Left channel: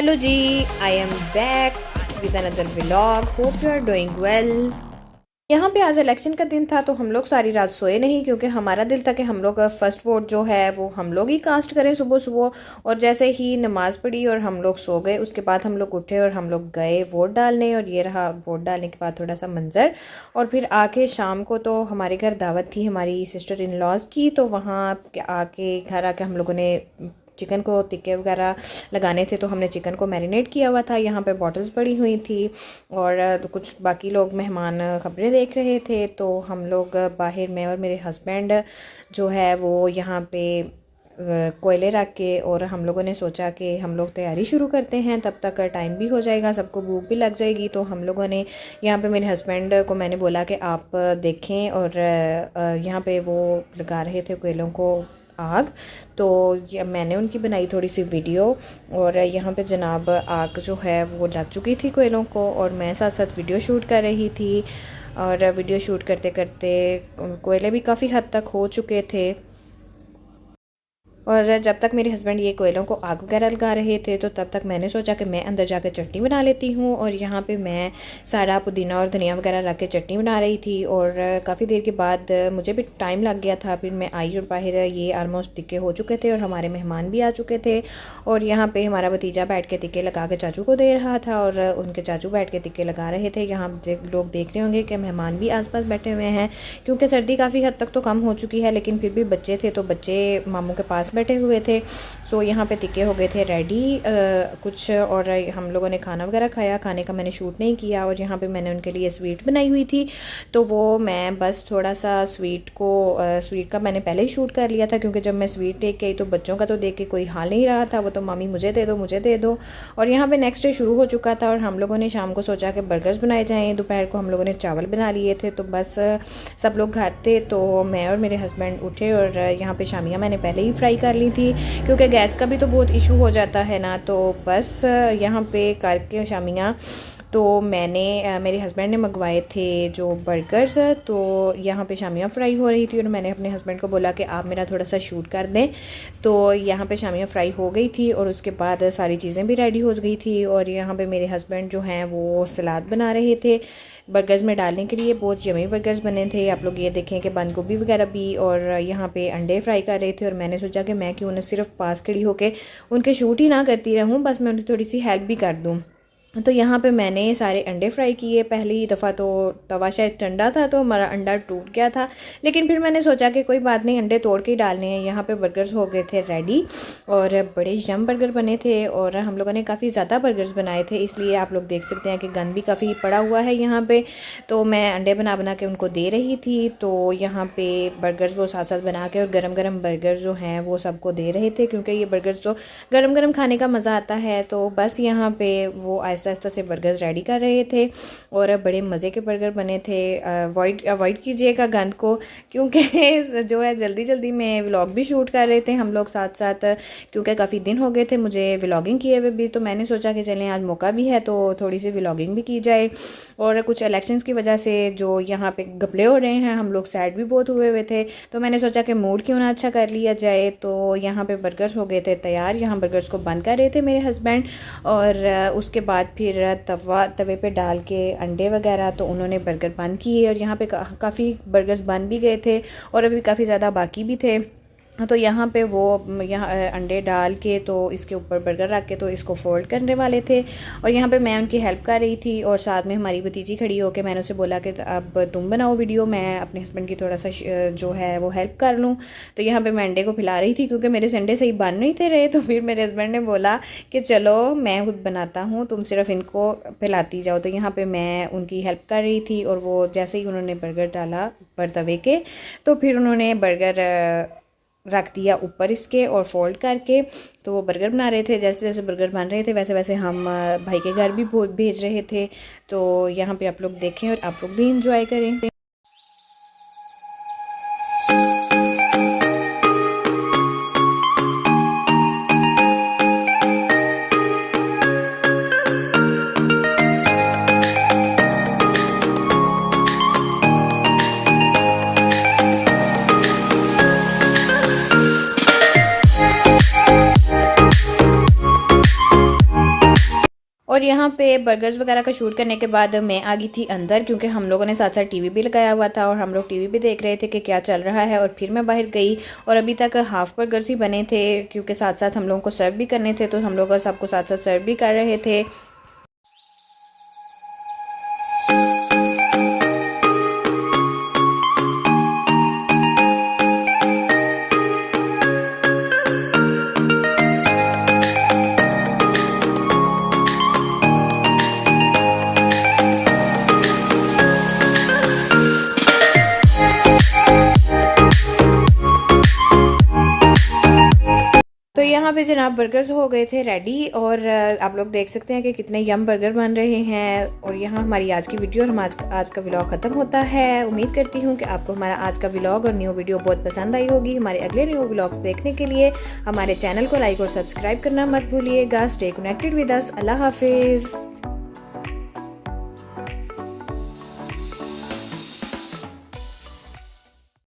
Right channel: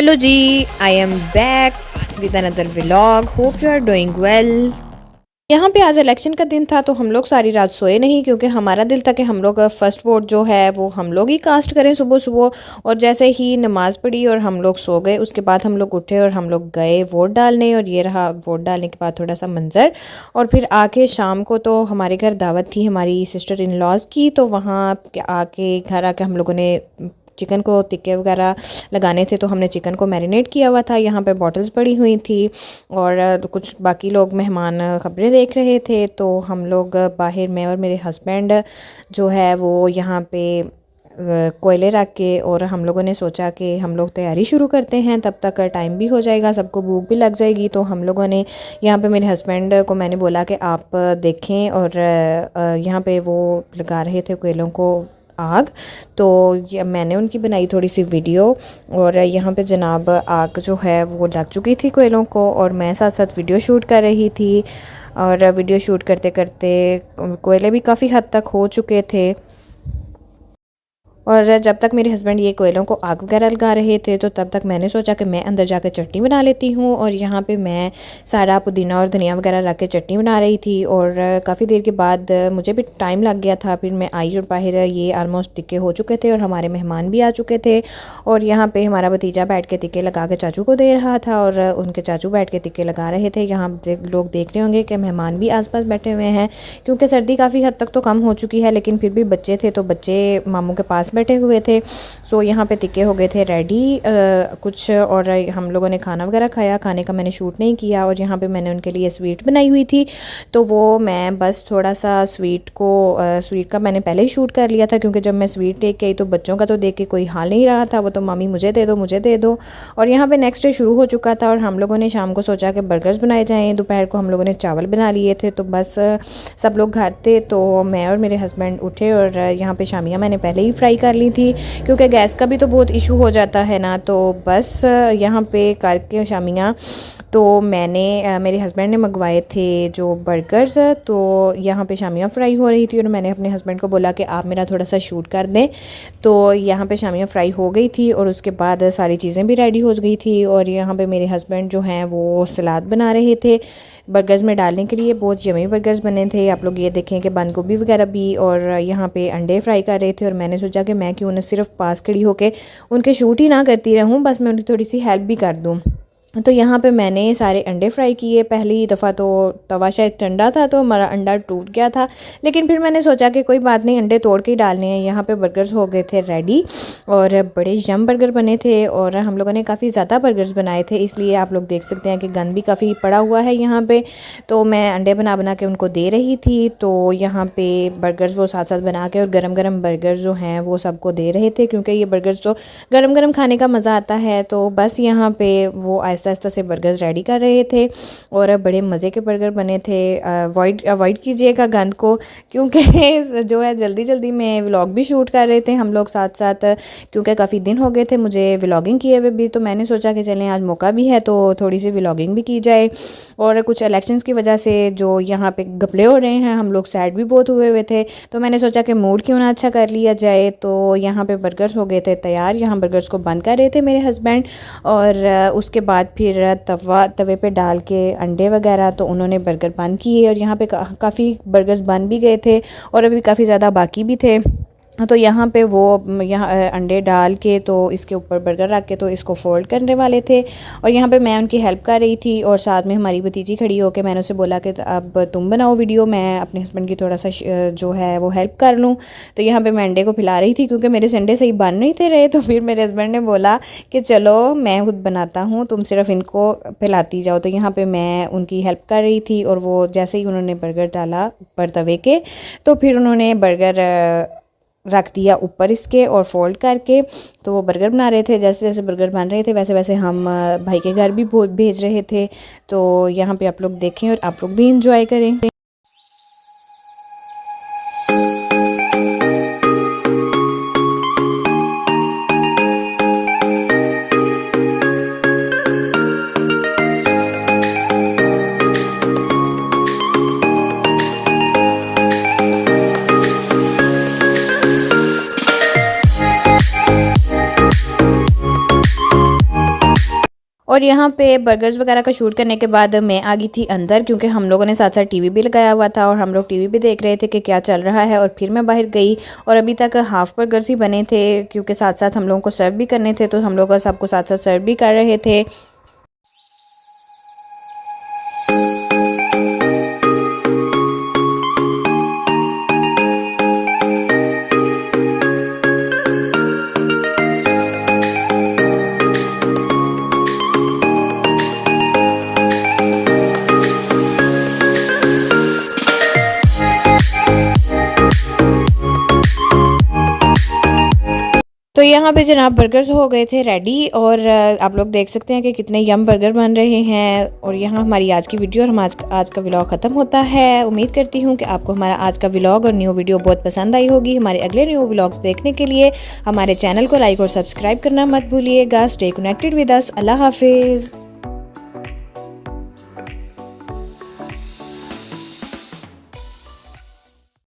Hello जी, I am back with another vlog. Hope you are doing well. यहाँ पे आज इलेक्शन का दिन था तो हम लोग सारी रात सोए नहीं, क्योंकि हमारा दिल था कि हम लोग फर्स्ट वोट जो है वो हम लोग ही कास्ट करें सुबह सुबह। और जैसे ही नमाज़ पढ़ी और हम लोग सो गए, उसके बाद हम लोग उठे और हम लोग गए वोट डालने। और ये रहा वोट डालने के बाद थोड़ा सा मंजर। और फिर आके शाम को तो हमारे घर दावत थी हमारी सिस्टर इन लॉज की, तो वहाँ आके घर आके हम लोगों ने चिकन को टिक्के वगैरह लगाने थे, तो हमने चिकन को मैरिनेट किया हुआ था। यहाँ पे बॉटल्स पड़ी हुई थी और कुछ बाकी लोग मेहमान खबरें देख रहे थे। तो हम लोग बाहर, मैं और मेरे हस्बैंड जो है वो यहाँ पे कोयले रख के, और हम लोगों ने सोचा कि हम लोग तैयारी शुरू करते हैं, तब तक टाइम भी हो जाएगा, सबको भूख भी लग जाएगी। तो हम लोगों ने यहाँ पे मेरे हस्बैंड को मैंने बोला कि आप देखें, और यहाँ पे वो लगा रहे थे कोयलों को आग। तो ये मैंने उनकी बनाई थोड़ी सी वीडियो। और यहाँ पे जनाब आग जो है वो लग चुकी थी कोयलों को, और मैं साथ साथ वीडियो शूट कर रही थी। और वीडियो शूट करते करते कोयले भी काफ़ी हद तक हो चुके थे। और जब तक मेरे हस्बैंड ये कोयलों को आग वगैरह लगा रहे थे, तो तब तक मैंने सोचा कि मैं अंदर जाकर चटनी बना लेती हूँ। और यहाँ पे मैं सारा पुदीना और धनिया वगैरह रख के चटनी बना रही थी। और काफ़ी देर के बाद मुझे भी टाइम लग गया था, फिर मैं आई और बाहर ये आलमोस्ट टिक्के हो चुके थे और हमारे मेहमान भी आ चुके थे। और यहाँ पर हमारा भतीजा बैठ के टिक्के लगा के चाचू को दे रहा था, और उनके चाचू बैठ के टिक्के लगा रहे थे। यहाँ लोग देख रहे होंगे कि मेहमान भी आस पास बैठे हुए हैं, क्योंकि सर्दी काफ़ी हद तक तो कम हो चुकी है, लेकिन फिर भी बच्चे थे तो बच्चे मामू के पास बैठे हुए थे। सो यहाँ पे टिक्के हो गए थे रेडी कुछ, और हम लोगों ने खाना वगैरह खाया। खाने का मैंने शूट नहीं किया। और यहाँ पे मैंने उनके लिए स्वीट बनाई हुई थी, तो वो मैं बस थोड़ा सा स्वीट का मैंने पहले ही शूट कर लिया था, क्योंकि जब मैं स्वीट देख के आई तो बच्चों का तो देख के कोई हाल नहीं रहा था, वो तो मम्मी मुझे दे दो मुझे दे दो। और यहाँ पे नेक्स्ट डे शुरू हो चुका था, और हम लोगों ने शाम को सोचा कि बर्गर्स बनाए जाएँ। दोपहर को हम लोगों ने चावल बना लिए थे, तो बस सब लोग घर थे, तो मैं और मेरे हस्बैंड उठे। और यहाँ पे शामियाँ मैंने पहले ही फ्राई कर ली थी, क्योंकि गैस का भी तो बहुत इशू हो जाता है ना। तो बस यहाँ पे करके शामियाँ, तो मैंने मेरे हस्बैंड ने मंगवाए थे जो बर्गर्स, तो यहाँ पे शामियाँ फ्राई हो रही थी, और मैंने अपने हस्बैंड को बोला कि आप मेरा थोड़ा सा शूट कर दें। तो यहाँ पे शामियाँ फ्राई हो गई थी, और उसके बाद सारी चीज़ें भी रेडी हो गई थी। और यहाँ पे मेरे हस्बैंड जो हैं वो सलाद बना रहे थे बर्गर्स में डालने के लिए। बहुत यमी बर्गर्स बने थे, आप लोग ये देखें कि बंद गोभी वगैरह भी। और यहाँ पे अंडे फ्राई कर रहे थे, और मैंने सोचा कि मैं क्यों ना सिर्फ पास खड़ी होके उनके शूट ही ना करती रहूँ, बस मैं उनकी थोड़ी सी हेल्प भी कर दूँ। तो यहाँ पे मैंने सारे अंडे फ्राई किए। पहली दफ़ा तो तवा शायद ठंडा था तो हमारा अंडा टूट गया था, लेकिन फिर मैंने सोचा कि कोई बात नहीं, अंडे तोड़ के ही डालने हैं। यहाँ पे बर्गर्स हो गए थे रेडी, और बड़े यम बर्गर बने थे। और हम लोगों ने काफ़ी ज़्यादा बर्गर्स बनाए थे, इसलिए आप लोग देख सकते हैं कि गन भी काफ़ी पड़ा हुआ है यहाँ पे। तो मैं अंडे बना बना के उनको दे रही थी। तो यहाँ पे बर्गर्स वो साथ साथ बना के, और गरम गरम बर्गर्स जो हैं वो सबको दे रहे थे, क्योंकि ये बर्गर्स तो गरम गरम खाने का मज़ा आता है। तो बस यहाँ पे वो आहिस्ता आहिस्ता से बर्गर्स रेडी कर रहे थे, और बड़े मज़े के बर्गर बने थे। अवॉइड कीजिएगा गंद को, क्योंकि जो है जल्दी जल्दी में व्लॉग भी शूट कर रहे थे हम लोग साथ साथ, क्योंकि काफ़ी दिन हो गए थे मुझे व्लॉगिंग किए हुए भी। तो मैंने सोचा कि चलें आज मौका भी है तो थोड़ी सी व्लॉगिंग भी की जाए। और कुछ इलेक्शंस की वजह से जो यहाँ पे घपले हो रहे हैं, हम लोग सैड भी बहुत हुए हुए थे, तो मैंने सोचा कि मूड क्यों ना अच्छा कर लिया जाए। तो यहाँ पे बर्गर्स हो गए थे तैयार। यहाँ बर्गर्स को बंद कर रहे थे मेरे हस्बैंड, और उसके बाद फिर तवे पे डाल के अंडे वगैरह, तो उन्होंने बर्गर बंद किए। और यहाँ पे काफ़ी बर्गर्स बन भी गए थे, और अभी काफ़ी ज़्यादा बाकी भी थे। तो यहाँ पे वो यहाँ अंडे डाल के तो इसके ऊपर बर्गर रख के तो इसको फोल्ड करने वाले थे, और यहाँ पे मैं उनकी हेल्प कर रही थी। और साथ में हमारी भतीजी खड़ी होकर, मैंने उसे बोला कि अब तुम बनाओ वीडियो, मैं अपने हस्बैंड की थोड़ा सा जो है वो हेल्प कर लूँ। तो यहाँ पे मैं अंडे को फैला रही थी, क्योंकि मेरे संडे सही बन नहीं थे रहे। तो फिर मेरे हस्बैंड ने बोला कि चलो मैं खुद बनाता हूँ, तुम सिर्फ इनको फैलाती जाओ। तो यहाँ पर मैं उनकी हेल्प कर रही थी, और वो जैसे ही उन्होंने बर्गर डाला ऊपर तवे के, तो फिर उन्होंने बर्गर रख दिया ऊपर इसके और फोल्ड करके। तो वो बर्गर बना रहे थे, जैसे जैसे बर्गर बन रहे थे वैसे वैसे हम भाई के घर भी भेज रहे थे। तो यहाँ पे आप लोग देखें और आप लोग भी इंजॉय करें। और यहाँ पे बर्गर्स वगैरह का शूट करने के बाद मैं आ गई थी अंदर, क्योंकि हम लोगों ने साथ साथ टीवी भी लगाया हुआ था और हम लोग टीवी भी देख रहे थे कि क्या चल रहा है। और फिर मैं बाहर गई और अभी तक हाफ़ बर्गर्स ही बने थे, क्योंकि साथ साथ हम लोगों को सर्व भी करने थे, तो हम लोग सबको साथ साथ सर्व भी कर रहे थे। तो यहाँ पे जनाब बर्गर्स हो गए थे रेडी, और आप लोग देख सकते हैं कि कितने यम बर्गर बन रहे हैं। और यहाँ हमारी आज की वीडियो और आज का व्लॉग ख़त्म होता है। उम्मीद करती हूँ कि आपको हमारा आज का व्लॉग और न्यू वीडियो बहुत पसंद आई होगी। हमारे अगले न्यू व्लॉग्स देखने के लिए हमारे चैनल को लाइक और सब्सक्राइब करना मत भूलिएगा। Stay connected with us. Allah हाफिज़।